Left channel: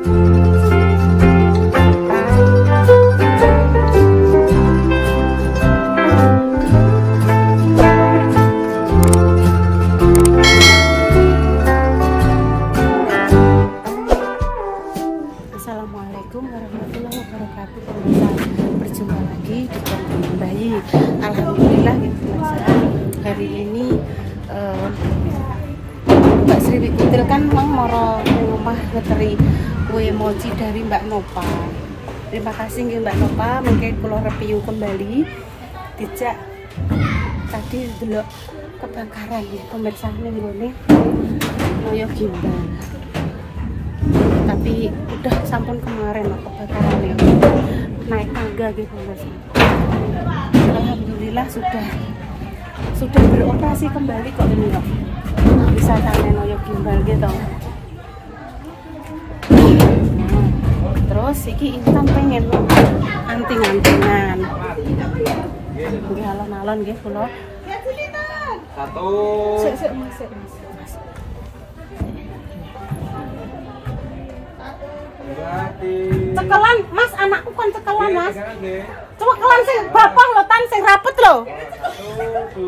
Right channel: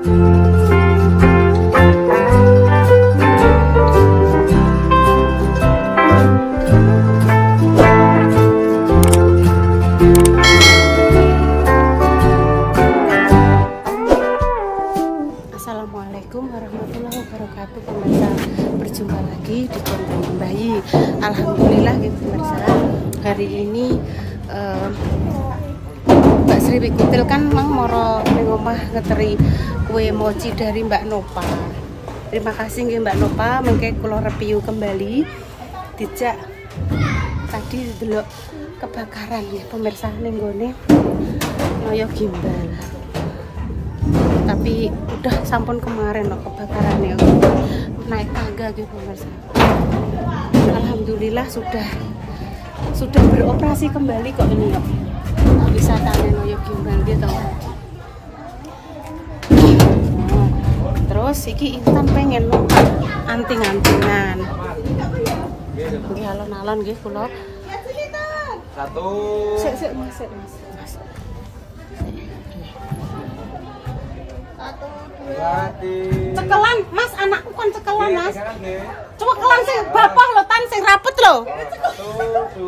Assalamualaikum warahmatullahi wabarakatuh. Pemirsa, berjumpa lagi di konten bayi. Alhamdulillah gitu pemirsa. Hari ini Mbak Sri Wikutil kan mang moro ning omah ngeteri kue mochi dari Mbak Nopa. Terima kasih nggih Mbak Nopa, mengke kula review kembali. Dijak tadi delok kebakaran nggih pemirsa ning gone kaya gimbal. Tapi udah sampun kemarin loh kebakaran ya, naik tangga gitu pemirsa. Alhamdulillah sudah beroperasi kembali kok ini loh. Bisa tanen Noyo gimbal gitu. Nah, terus iki Intan pengen anting-antingan. Nggih alon-alon nggih kula. Satu. Sik Mas. Cekelan Mas, anakku kan cekelan Mas. Cekelan sing bapak lo tan sing rapet lo.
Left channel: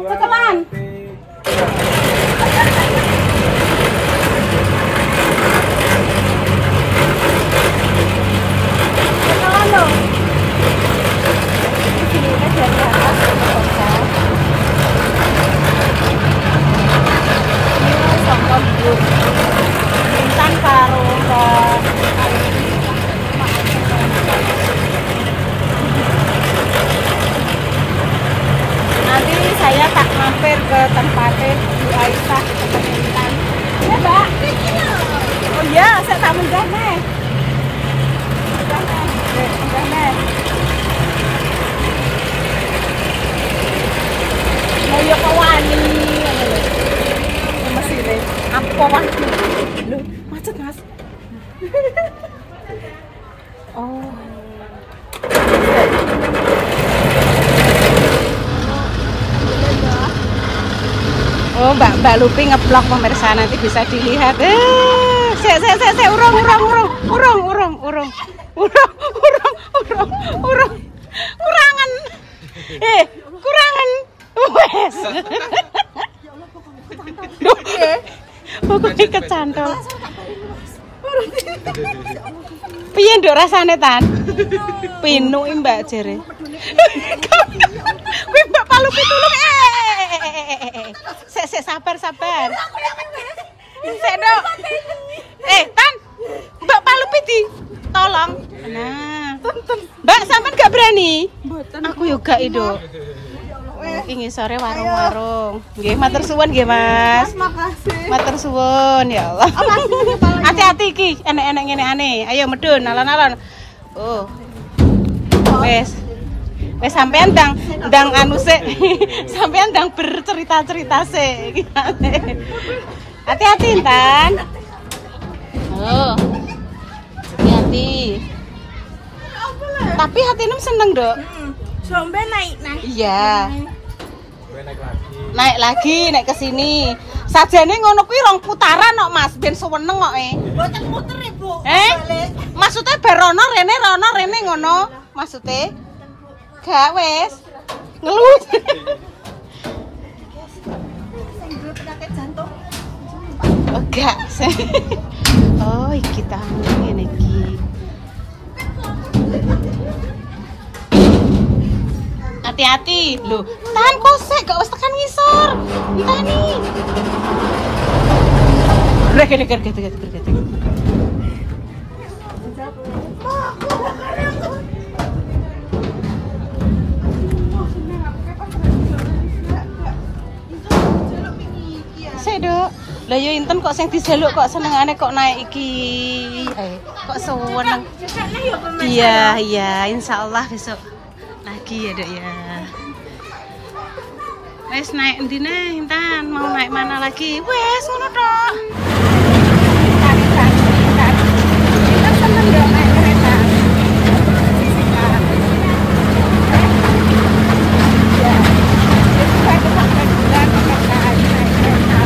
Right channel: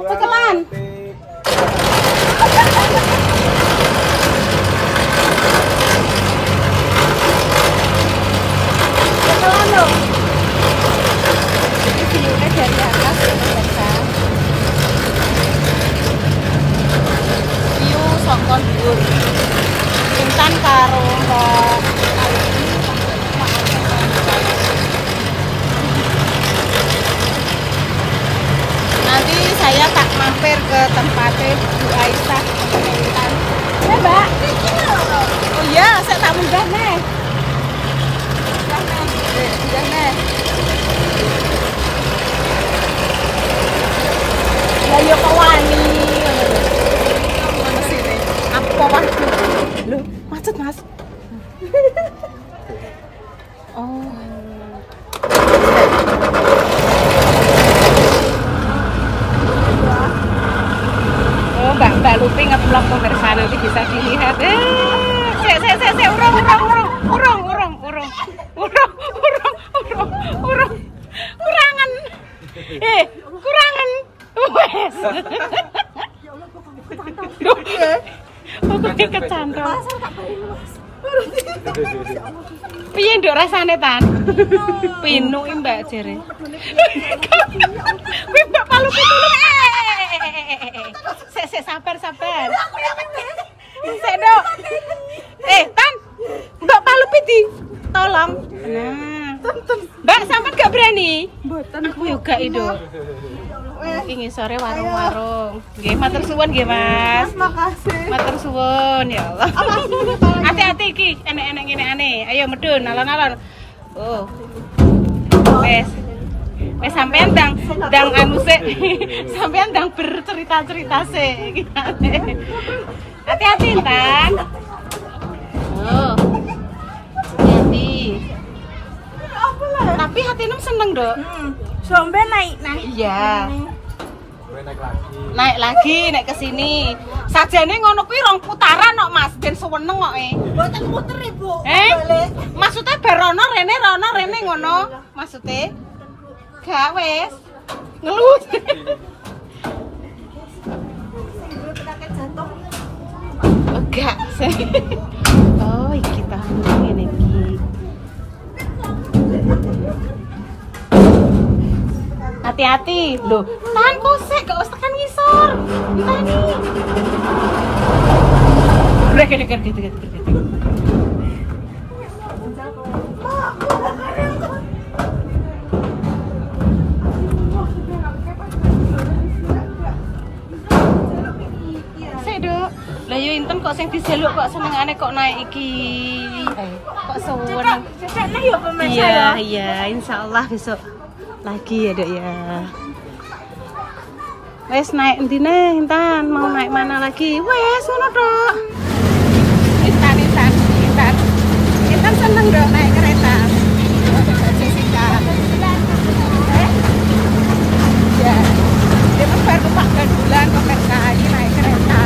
Cekelan. Cekelan lo. Ini view-nya dari atas pemirsa. View saka dhuwur. Intan karo nanti saya tak mampir ke tempatnya Bu Aisyah teman Intan. Ya Mbak. Oh iya, saya tak munggah nih. Munggah nih. Lah yo kok wani ngono lho. Mesine. Apa waduh? Lho, macet Mas. Oh. Oh, Mbak Lupi ngeblok pemirsa, nanti bisa dilihat. Urung. Kurangan. Kurangan. Wes. Duh, pokoknya kecantol. Piye nduk rasane Tan? Pinu Mbak jere. Kuwi Mbak Palu pitulung. Sik sabar. Sik Nduk. Tan. Mbak Palu piti. Tolong. Nah. Mbak sampean gak berani? Mboten. Aku yo gak Nduk. Iki sore warung-warung. Nggih, matur suwun nggih, Mas. Makasih. Matur suwun ya Allah. Hati-hati iki, enek-enek ngene ane. Ayo medun alon-alon. Oh. Wes sampean ndang anu sik. Sampean ndang bercerita-cerita sik. Hati-hati, Tan. Oh. Hati. Tapi hatimu seneng, Dok. Sombe naik. Iya. Naik lagi ke sini. Sajane ngono kuwi rong putaran kok Mas, ben suweneng kok Mboten muter Ibu. Maksudnya barono rene ngono. Maksudnya gak wis. Ngelut. Sing ndut penyakit jantung. Enggak. Oh, iki tamu ngene iki. Hati-hati loh, tahan posek, gak usah tekan ngisor. Entah nih. Bergetek. Sedok. Lah yo Inten kok sing dijaluk kok senengane kok naik iki. Kok suwen. Besoknya yo pemirsa. Iya, insyaallah besok lagi ya Dok ya. Wes naik endine Intan, mau naik mana lagi? Wes ngono Dok. Intan seneng Dok naik kereta. Ya. Itu baru 4 bulan pemirsa ini naik kereta.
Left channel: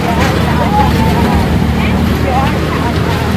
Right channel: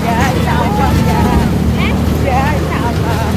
Ya, insyaallah ya. Ya, insyaallah.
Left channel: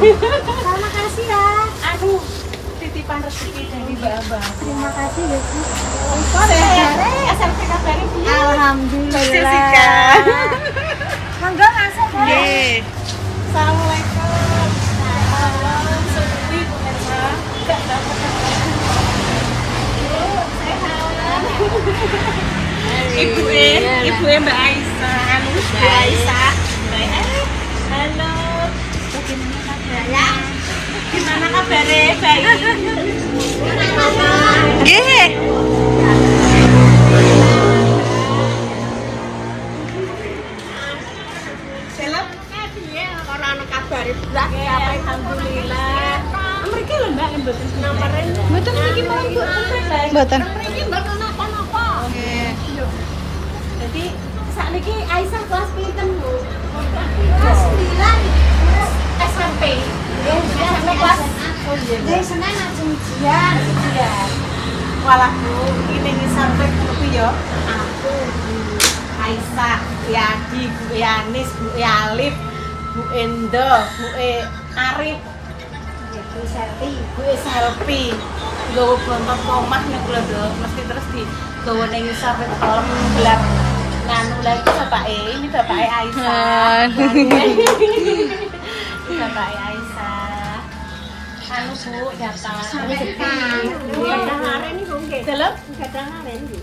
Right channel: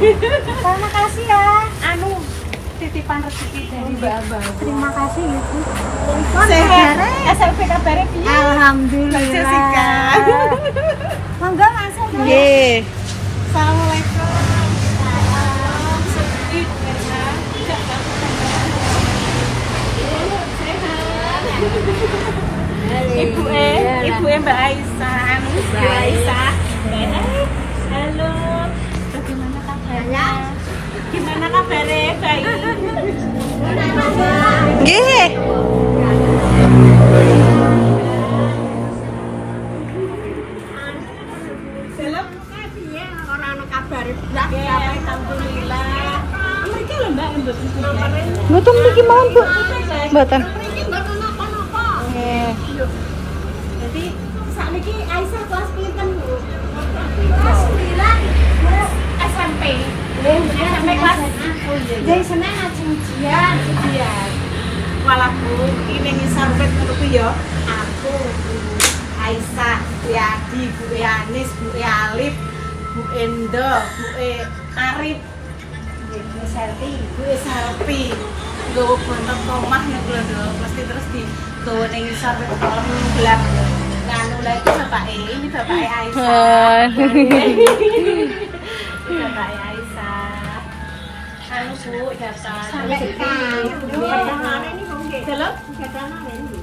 Terima kasih ya. Anu titipan rezeki dari Mbak Abah. Terima kasih ya, Bu. Sehat. SLP kabarnya piye? Alhamdulillah. Monggo masuk. Nggih. Assalamualaikum. Salam sepi pemirsa. Enggak dapat Ibu Mbak Aisyah, Mbak Aisyah. Halo. Bagaimana kabarnya? Gimana kabarnya? Baik. Nggih. Alhamdulillah. Mereka lho Mbak yang mboten kumpul. Mboten mriki mawon, Bu. Mboten. Nggih. Jadi sakniki Aisyah kelas pinten, Bu? Kelas 9 SMP. SMP kelas. Oh iya. Nggih, seneng ujian. Walah Bu, ini ngisambet ngono ya. Aku Aisyah, Yadi, Bu Yanis, Bu Alif, Bu Endo, Bu Arif, Bu Selfie, nggawa bontot omah niku lho, mesti terus digawa ning ngisor kolom belah. Nganu lagi bapake, ini bapake Aisyah. Bapake Aisyah. Anu Bu, data. Sampai kan. Hari ini Bu nggih. Delok gadang-gadang Bu.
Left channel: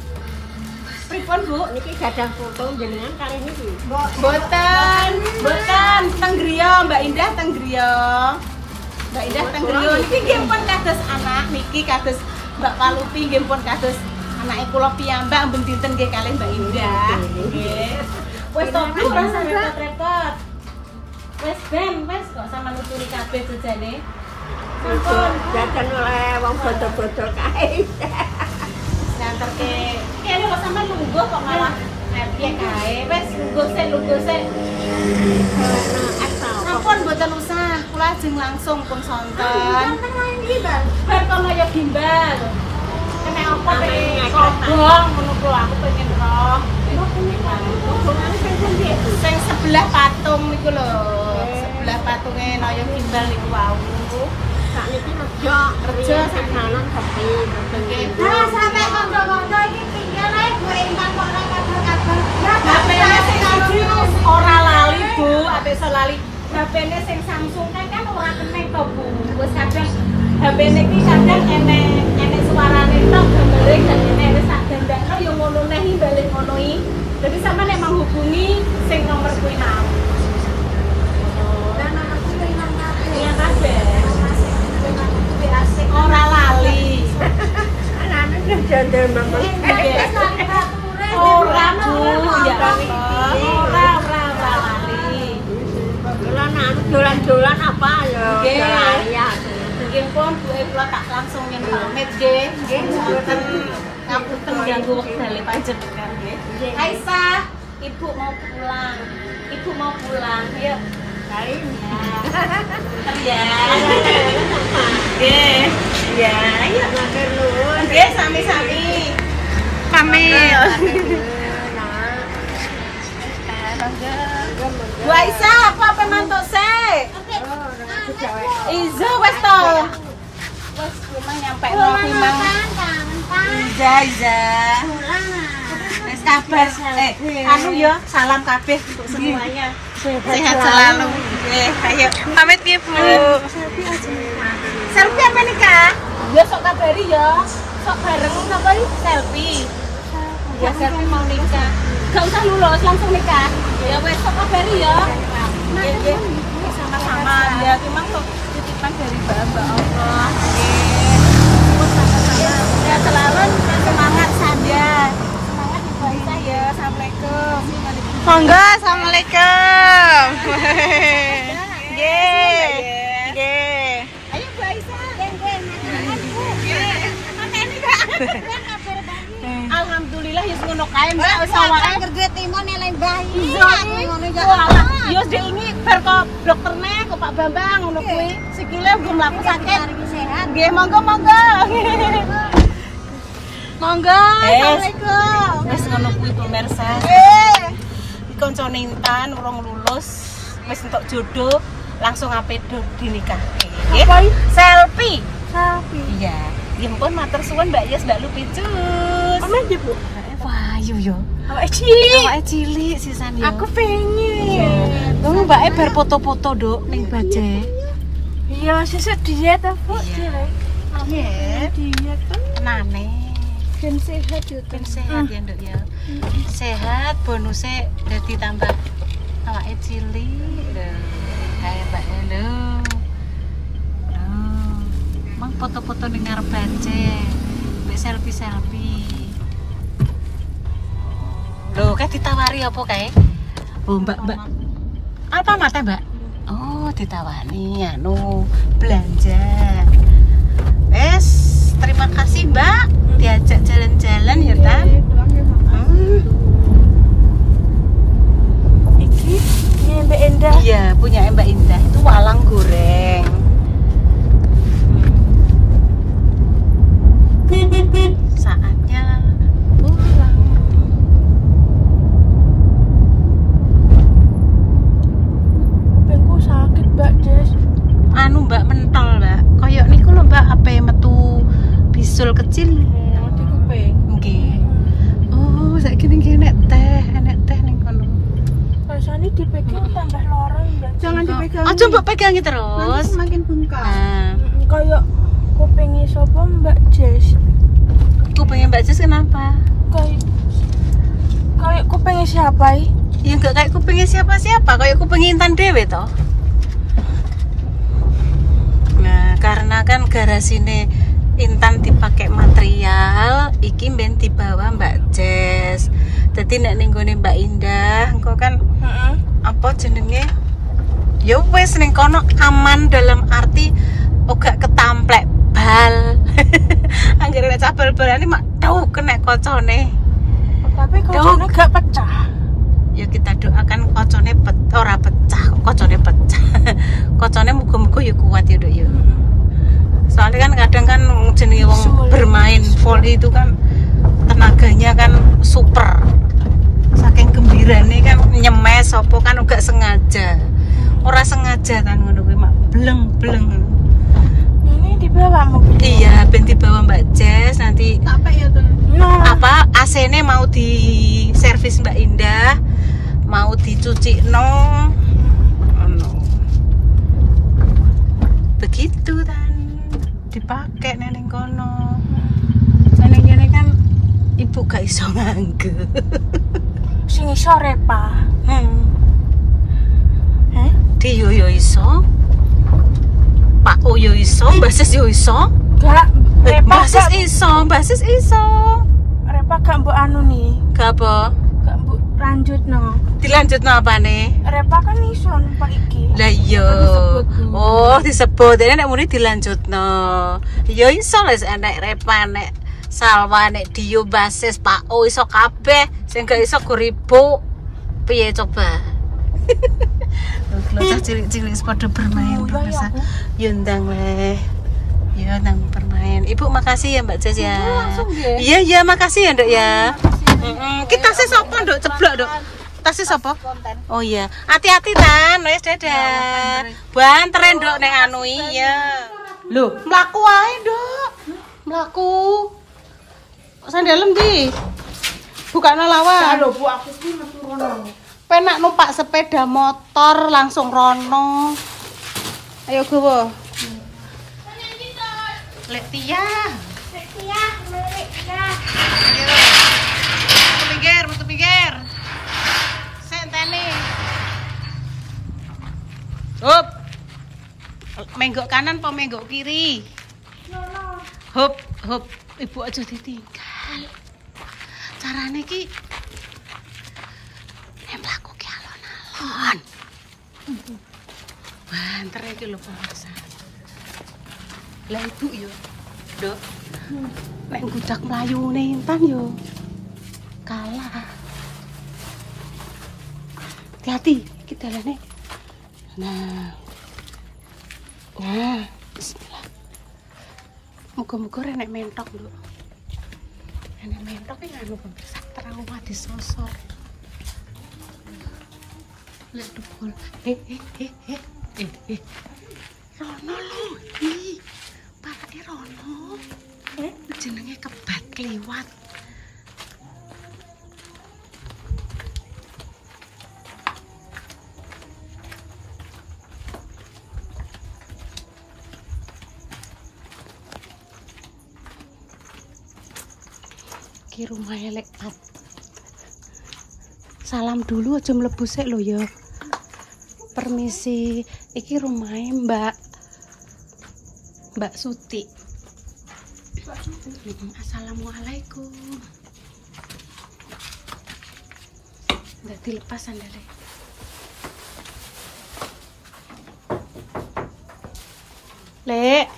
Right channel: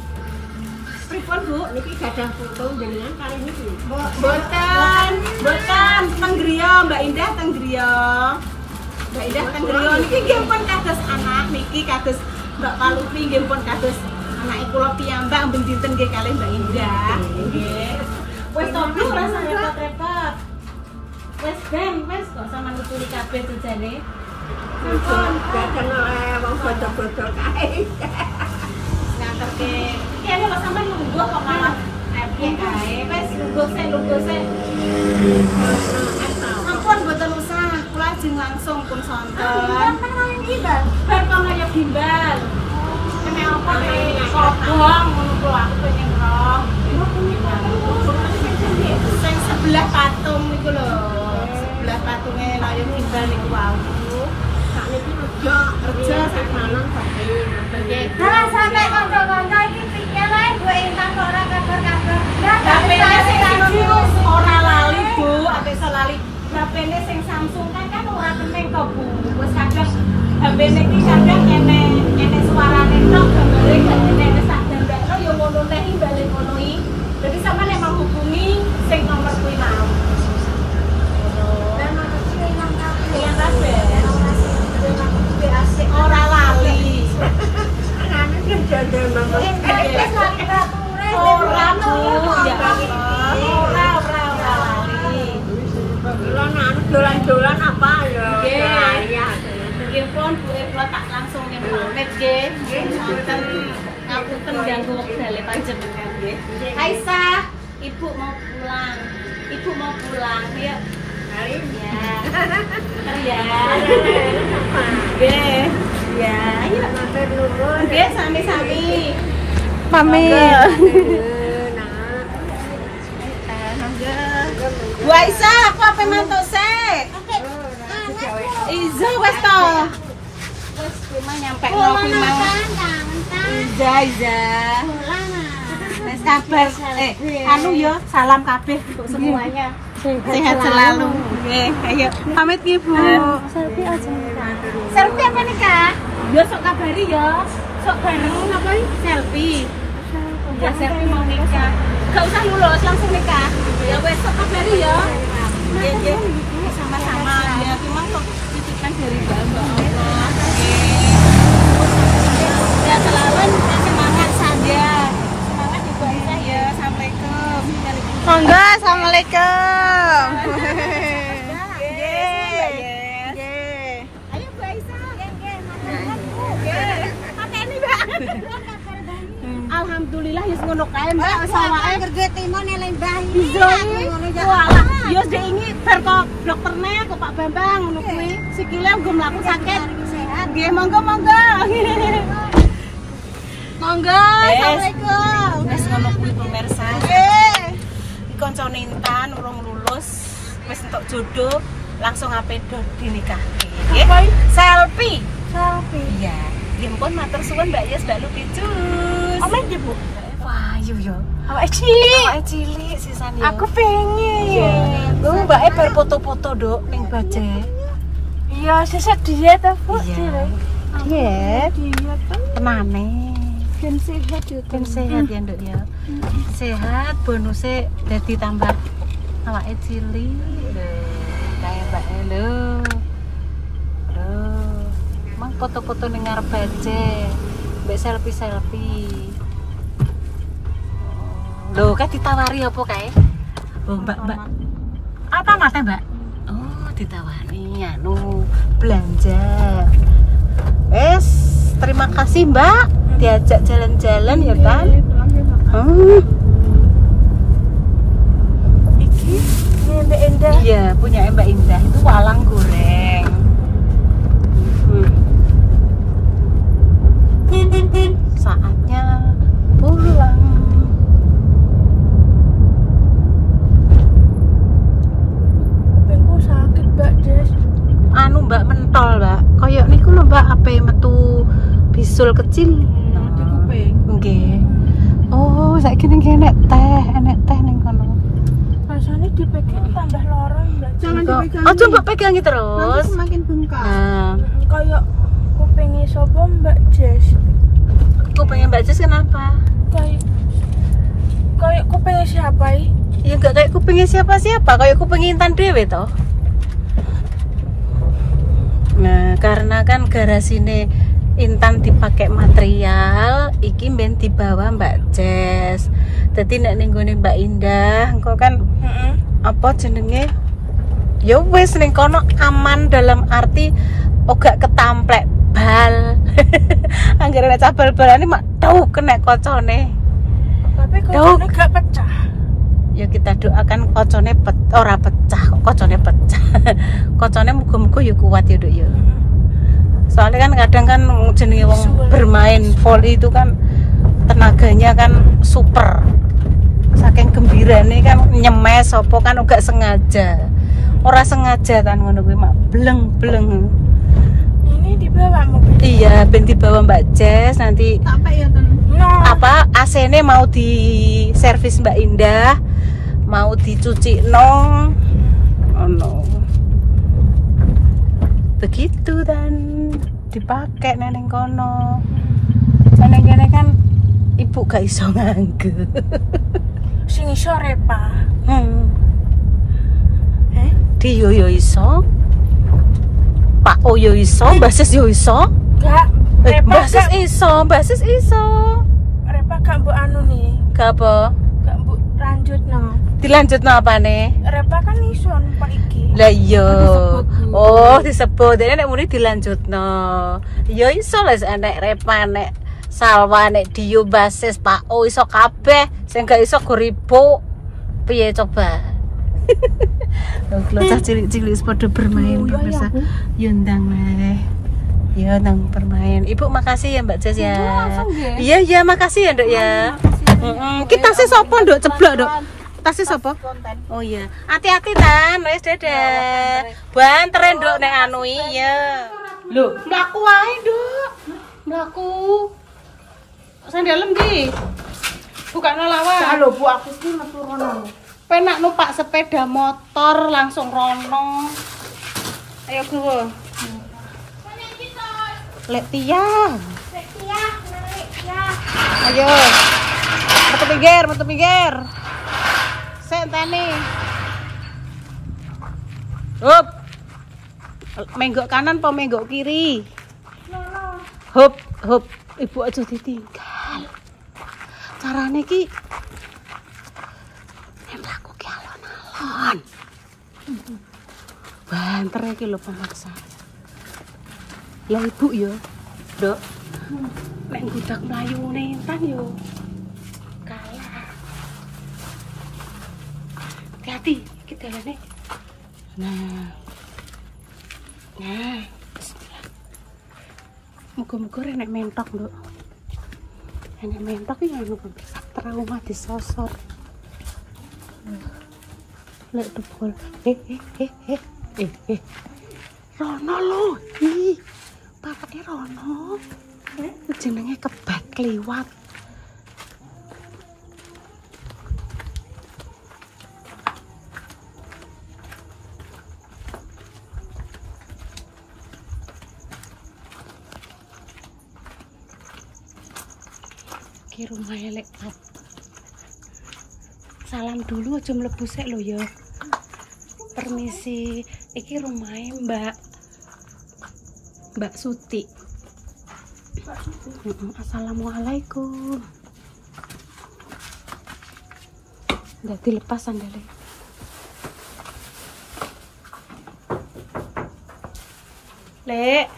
Pripun Bu, niki gadah foto jenengan kali niki. Mboten teng griya Mbak Indah teng griya. Mbak Indah teng griya niki nggih pun kados anak niki kados Mbak Palupi nggih pun kados anake kula piyambak mben dinten nggih kalih Mbak Indah. Nggih. Wes to Bu ora usah repot-repot. Wes wes kok sampean nuturi kabeh jane. Sampun gaten oleh wong bodo-bodo kae. Nganterke kene kok sampean nunggu kok malah piye kae wis lungguh sik ampun mboten usah kula ajeng langsung pun sonten bar kono ya gimbal kene apa kobong ngono kula aku pengen roh sing sebelah patung niku lho sebelah patunge naya gimbal niku wau sakniki rejo sak malam bae nggih nah sampe kanca-kanca iki piye ae Bu Intan kok ora kabar-kabar HP-ne sing ora lali Bu ate lali HP-ne sing Samsung kan ora keneng to Bu wis kadang HP-ne iki kadang enek suarane tok gambare gak enek wis tak dandakno ya ngono neh balik ngono iki dadi sampeyan nek menghubungi sing nomor kuwi nang ngono dan nomor kuwi nang kabeh ora lali. Anane jajal nomor. Ora Bu, ya Allah. Ora lali. Dolan-dolan apa ya? Nggih. Nggih pun Bu kula tak langsung yen pamit nggih. Nggih wonten ngapunten ganggu wektale panjenengan nggih. Aisyah, Ibu mau pulang. Ibu mau pulang. Yuk. Kali ya. Ya. Nggih. Ya, ayo matur nuwun. Nggih, sami-sami. Pamit. Bu Aisyah, aku apa mantuk sik? Iza wis to. Wis cuma nyampe nang kuwi mang. Iza. Wis kabar. Anu ya, salam kabeh untuk semuanya. Sehat selalu. Nggih, ayo. Pamit nggih, Bu. Selfie apa nih, Kak? Ya sok kabari ya. Sok bareng apa nih? Selfie. Ya selfie mau nikah. Gak usah lulus, langsung nikah. Ya wes sok kabari ya. Nggih, sama-sama. Ya cuma kok titipan dari Mbak Allah. Ya selalu semangat saja. Semangat Ibu Aisyah ya. Assalamualaikum. Monggo, assalamualaikum. Nggih. Nggih. Ayo Bu Aisyah. Nggih. Mateni, Mbak. Alhamdulillah wis ngono kae Mbak wis awake kerja timone lembah iki. Ngono ya. Yo ini bar kok dokterne kok Pak Bambang ngono kuwi. Sikile nggo mlaku sakit. Nggih, monggo. Monggo. Assalamualaikum. Wis ngono kuwi pemirsa. Nggih. Kancane Intan urung lulus, wis entuk jodoh, langsung ape dinikah. Apa? Selfie. Selfie. Iya. Impun matur suwun Mbak Yes, Mbak Lupi cus. Aman di Bu. Wayu yo. Awake cilik. Awake cilik sisan yo. Aku pengen. Iya. Lu Mbak bar foto-foto Dok ning Baje. Iya, sesat diet apa cilik. Diet. Diet tuh. Tenane. Ben sehat yo. Ben sehat ya Nduk ya. Sehat bonusnya dadi tambah awake cilik. Lho, kayak Mbak lho. Mang foto-foto ning ngarep Baje. Mbak selfie-selfie. Loh, kan ditawari apa kae? Oh, Mbak. Apa mata, Mbak? Oh, ditawari anu belanja. Wes, terima kasih, Mbak. Diajak jalan-jalan ya, Tan. Oh. Iki Mbak Indah. Iya, punya Mbak Indah. Itu walang goreng. Saatnya pulang. Kupingku sakit, Mbak Des. Anu Mbak mentol Mbak. Koyok niku lho Mbak ape metu bisul kecil. Di kuping. Nggih. Oh, saiki ning kene enek teh ning kono. Rasanya dipegang tambah lorong, Mbak. Jangan dipegang. Oh, coba pegangi terus. Semakin bengkak. Nah, Kayak kupingnya sapa Mbak Jess? kupingnya Mbak Jess kenapa? Kayak kupingnya siapa? Ya enggak kayak kupingnya siapa-siapa, kayak kupingnya Intan Dewe toh. Nah, karena kan garasine Intan dipakai material, iki ben dibawa Mbak Jess. Dadi nek ning gone Mbak Indah, engko kan apa jenenge? Ya wis ning kono aman dalam arti ora ketamplek bal. Anggere nek bal-balane mak tau kena kocone. Tapi kocone gak pecah. Ya kita doakan kocone ora pecah, kok kocone pecah. Kocone muga-muga ya kuat ya, Dok ya. Soalnya kan kadang kan jenenge wong bermain volley itu kan tenaganya kan super. Saking gembirane kan nyemes apa kan enggak sengaja. Ora sengaja kan ngono kuwi mak bleng-bleng. Ini dibawa mobil. Iya, ben dibawa Mbak Jess nanti Apa ya tuh? No. apa AC-ne mau di servis Mbak Indah, mau dicuci no. Oh no. Begitu dan dipakai neneng kono. Neneng kene kan ibu gak iso nganggo. Sing iso Repa. Dio yo iso. Pak O yo iso, Mbak Sis yo iso. Gak. Mbak Sis iso, Mbak Sis iso. Repa gak mbok anu nih. Gak apa? Gak mbok lanjut no. Dilanjutno apa nih? Repa kan iso numpak iki. Lah iya. Oh, disebut. Dene nek muni dilanjutno. Ya iso les enek Repa nek Salwa nek Dio Basis Pak O iso kabeh. Sing gak iso goribo. Piye coba? Cah cilik-cilik pada bermain biasa. Ya ndang leh. Ya ndang bermain. Ibu makasih ya Mbak Jess ya. Iya iya makasih ya Nduk ya. Kita sih sapa Nduk ceblok Nduk. Tasih sapa? Oh iya. Hati-hati Tan, wis dadah. Banter Nduk nek anu iya. Lho, mlaku wae Nduk. Mlaku. Sandalem ndi? Bukane lawan. Lho Bu, aku iki metu rono. Penak numpak sepeda motor langsung rono. Ayo gowo. Lek Tia. Ayo. Metu pinggir. Senteni. Hup. Menggok kanan apa menggok kiri? Hup. Ibu aja ditinggal. Carane ki mlaku ki alon-alon. Banter iki lho pemirsa. Lah ibu yo, Dok. Nek budak mlayune Intan yo kalah. Hati-hati kita dalane. Nah. Bismillah. Muga-muga renek mentok, Dok. Renek mentok iki anu pemirsa trauma disosor. Lek dukul. Rono lho. Ih. Bapake Rono. Jenenge kebat kliwat. Ki rumahnya lek Pat. Salam dulu aja mlebu sik lho ya. Permisi, iki rumahnya Mbak Suti. Assalamualaikum. Udah dilepas sandalnya. Lek.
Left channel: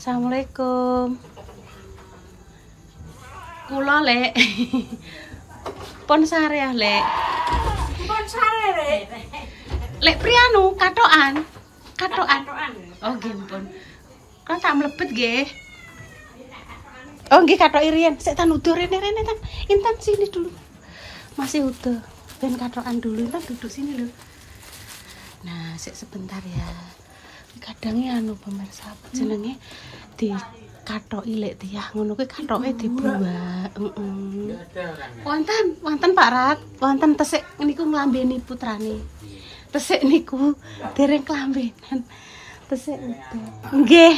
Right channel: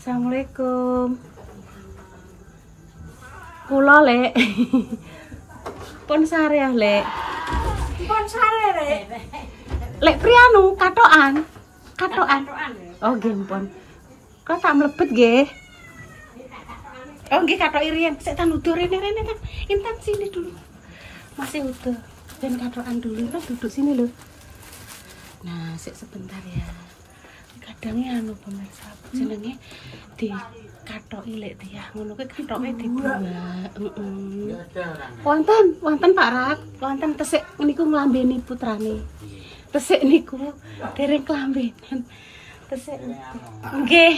Assalamualaikum. Kula Lek. Pon sare ya Lek. Pon sare Lek. Lek prianu katokan. Oh nggih pon. Kok tak mlebet nggih. Oh nggih katok irian. Sik tan udur rene tan. Intan sini dulu. Masih utuh. Ben katokan dulu kan duduk sini lho. Nah, sik sebentar ya. Kadangnya anu pemirsa jenenge di katoki lek tiyah ngono kuwi katoke dibuak. Wonten Pak Rat, wonten tesik niku nglambeni putrane. Tesik niku dereng klambenan. Tesik nggih.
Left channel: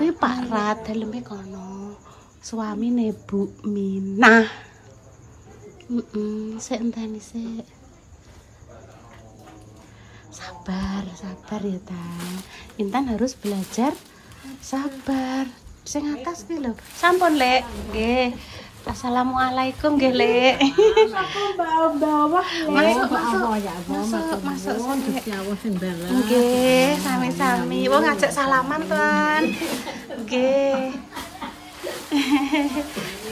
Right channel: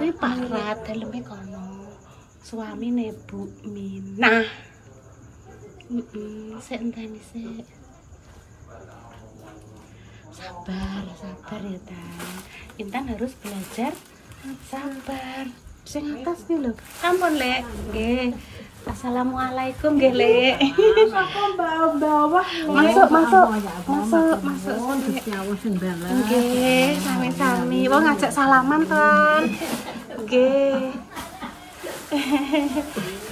Kuwi Pak Rat daleme kono. Suamine Bu Minah. Sik enteni sik. Sabar ya Tan. Intan harus belajar sabar. Sing atas ki lho. Sampun Lek. Nggih. Assalamualaikum nggih Lek. Aku bawah. Masuk. Nggih, sami-sami. Wong ngajak salaman Tan. Nggih.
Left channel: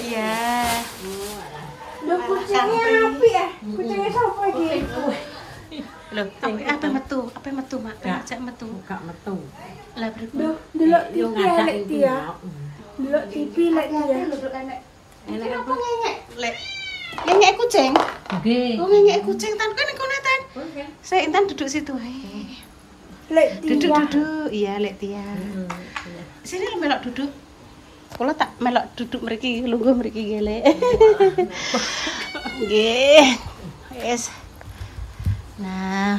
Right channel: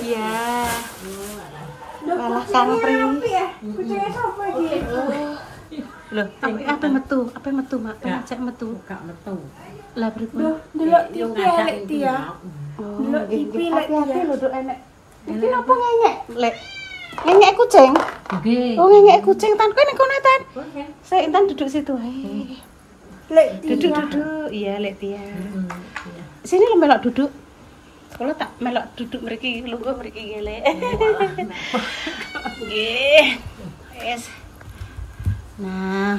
Iya. Malah Kang Pri. Kucingnya sapa iki? Loh, apa metu, Mak? Ngajak metu. Gak metu. Lah pripun? Delok Yo ngajak iki ya. Delok TV lek dia. Ini apa ngengek, Lek? Ngengek kucing? Nggih. Oh, ngengek kucing Tan. Kowe nek kono Tan. Saya Intan duduk situ ae. Lek dia. Duduk. Iya, Lek Tia. Sini lo melok duduk. Kula tak melok duduk mriki, lungguh mriki nggih, Lek. Nggih. Wis. Nah,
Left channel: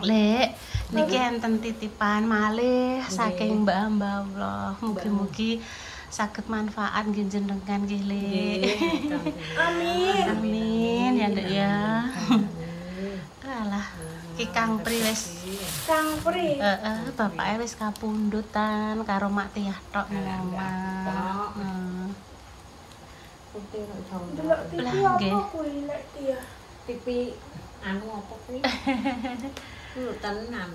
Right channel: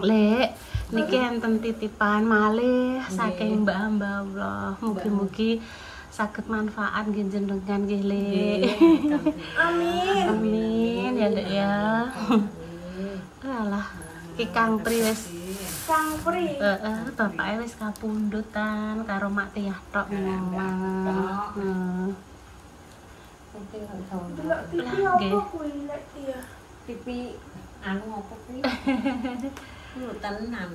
Lek, niki enten titipan malih saking Mbak Allah. Mugi-mugi saged manfaat nggih jenengan nggih, Lek. Amin ya, Ndek ya. Alah, ki Kang Pri wis Kang Pri. bapake wis kapundutan karo Mak Tiyah tok ning omah. Delok TV apa kuwi lek dia? TV anu apa kuwi? Tenan.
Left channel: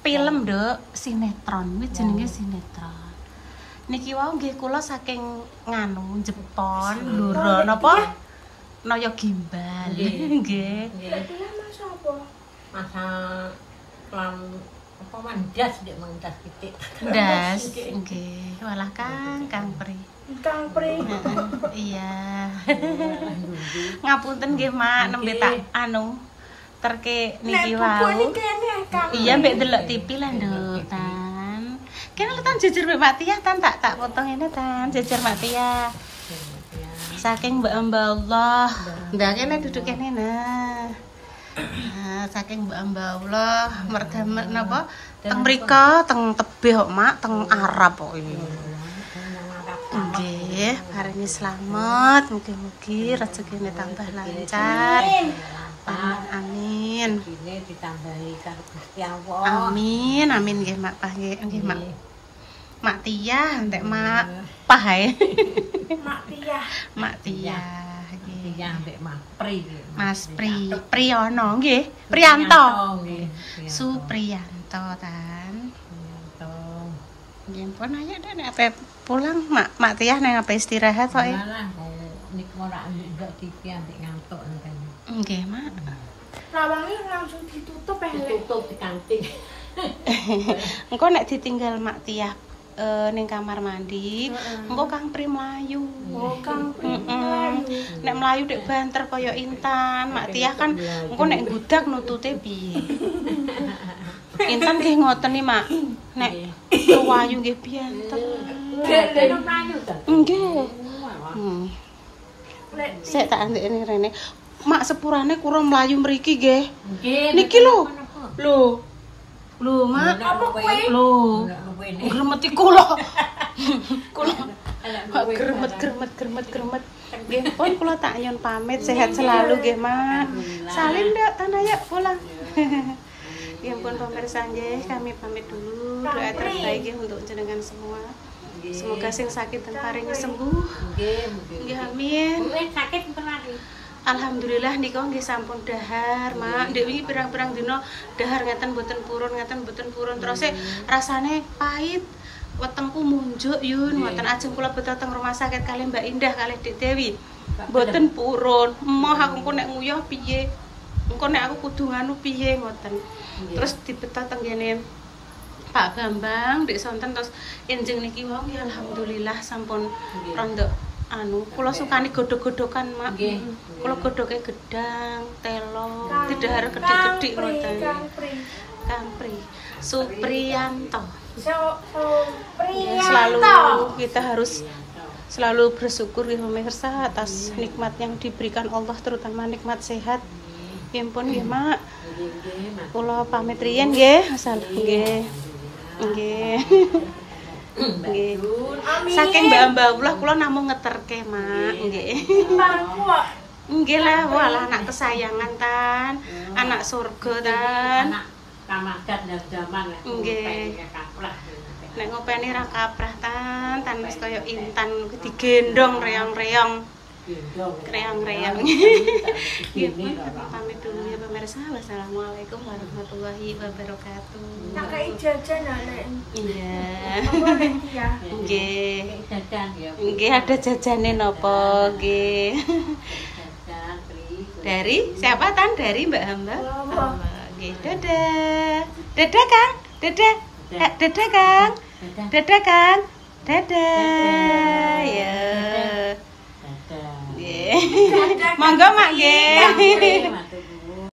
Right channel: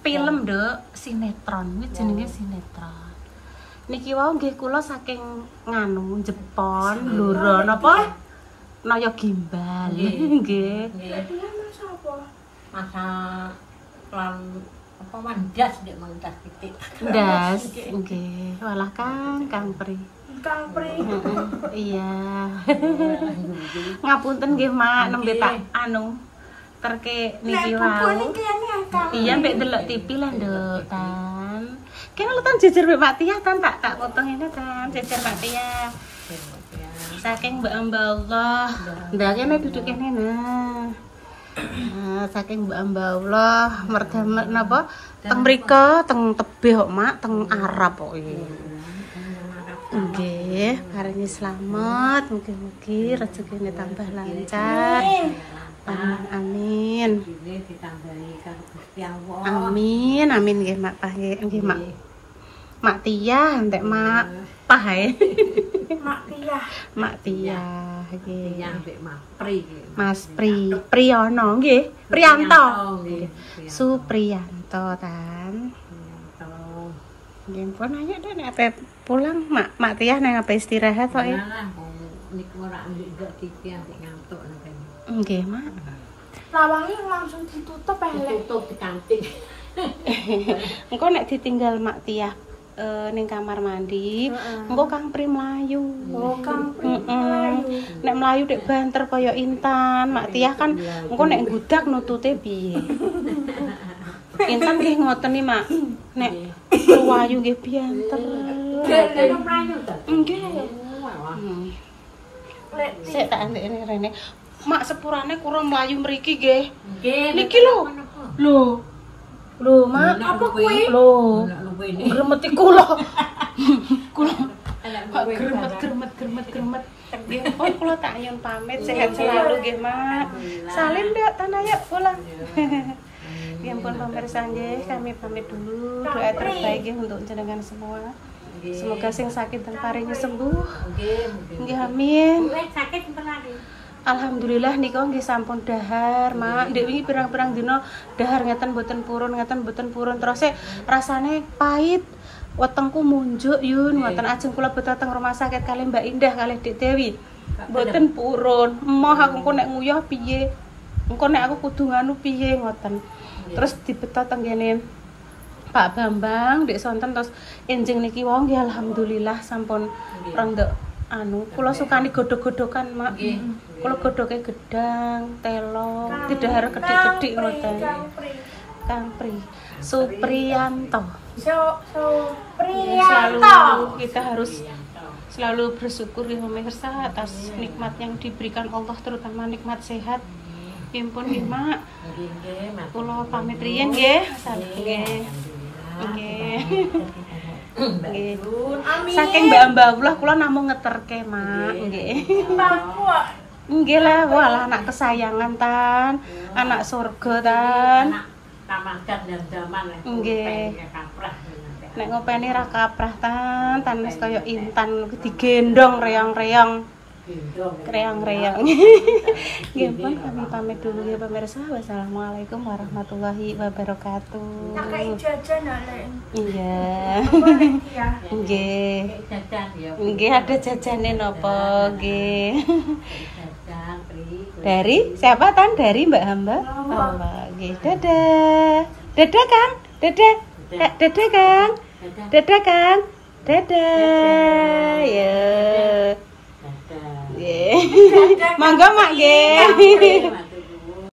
Film, Nduk, sinetron kuwi jenenge sinetron. Niki wau nggih kula saking nganu Jepon, Blora napa? Naya gimbal. Nggih. Lek dia masa apa? Masa pelan apa mandas ndek mandas titik. Ndas, nggih. Walah Kang Pri. Kang Pri. Iya. Ngapunten nggih Mak, nembe tak anu terke niki wau. Iya mbek delok TV lah Nduk Tan. Kene lho Tan jejer mbek Mak Tiyah Tan tak potong ini Tan jejer Mak Tiyah. Saking Mbak Allah. Ndak kene duduk kene nah. Nah, saking Mbak Allah merdamet napa teng mriko teng tebih kok Mak teng Arab kok iki. Nggih, paringi slamet, mugi-mugi rezekine tambah lancar. Amin. Ini ditambahi karo Gusti Allah. Amin nggih Mak Pah nggih Mak. Mak Tiyah entek Mak Pah ae. Mak Tiyah nggih. Yang mbek Mas Pri. Mas Priyono nggih, Priyanto. Nggih. Supriyanto Tan. Nggih pun ayo deh nek ape pulang Mak Tiyah nang ape istirahat kok. Niku ora ndek TV ambek ngantuk ngene. Nggih Mak. Lawangnya langsung ditutup ya Lek. Ditutup di kanting. Engko nek ditinggal Mak Tiyah ning kamar mandi. Engko Kang Pri mlayu. Oh, Kang Pri Nek mlayu dek banter kaya Intan, Mak Tiah kan engko nek gudak nutute piye? Intan nggih ngoten iki, Mak. Nek wayu nggih banter. Nggih. Sik tak andekne rene. Mak sepurane kura mlayu mriki nggih. Niki lho. Lho, Mak. Apa kuwi? Lho. Gremeti kula. Kula. Kok gremet. Nggih, pun kula tak ayon pamit sehat selalu nggih, Mak. Salim ndak tanaya pula. Ya ampun pemirsa nggih, kami pamit dulu. Doa terbaik nggih untuk jenengan semua. Semoga sing sakit dan paringnya sembuh. Nggih, amin. Sakit beneran. Alhamdulillah nika nggih sampun dahar, Mak. Ndek wingi pirang-pirang dina dahar ngeten mboten purun. Terus rasane pahit. Wetengku munjuk yun, ngoten ajeng kula beto teng rumah sakit kali Mbak Indah kali Dik Dewi. Mboten purun. Emoh aku engko nek nguyah piye? Engko nek aku kudu nganu piye ngoten. Terus dibeto teng kene Pak Bambang, Dik Sonten terus enjing niki wau ya alhamdulillah sampun rondok anu kula sukani godhog-godhogan, Mak. Kula godhoge gedang, telo, didahar gedhik-gedhik ngoten. Kang Pri Supriyanto. Selalu kita harus selalu bersyukur ya pemirsa atas nikmat yang diberikan Allah, terutama nikmat sehat. Impun nggih, Mak. Kula pamit riyen nggih, asal nggih. Nggih. Nggih. Saking mbak-mbak kula namung ngeterke, Mak. Nggih. Nggih lah, walah anak kesayangan tan, anak surga tan. Kamagat dan zaman lah. Nggih. Nek ngopeni ra kaprah tan wis kaya Intan digendong reong-reong. Reong-reong. Nggih pun kami pamit dulu ya pemirsa. Wassalamualaikum warahmatullahi wabarakatuh. Kakek jajan Lek. Iya. Ya. Nggih. Jajan ya. Nggih ada jajane napa nggih. Jajan Pri. Dari siapa tan? Dari Mbak Hamba. Nggih, dadah. Dadah, Kang. Dadah. Dadah, Kang. Dadah, Kang. Dadah. Ya. Nggih. Monggo, Mak nggih.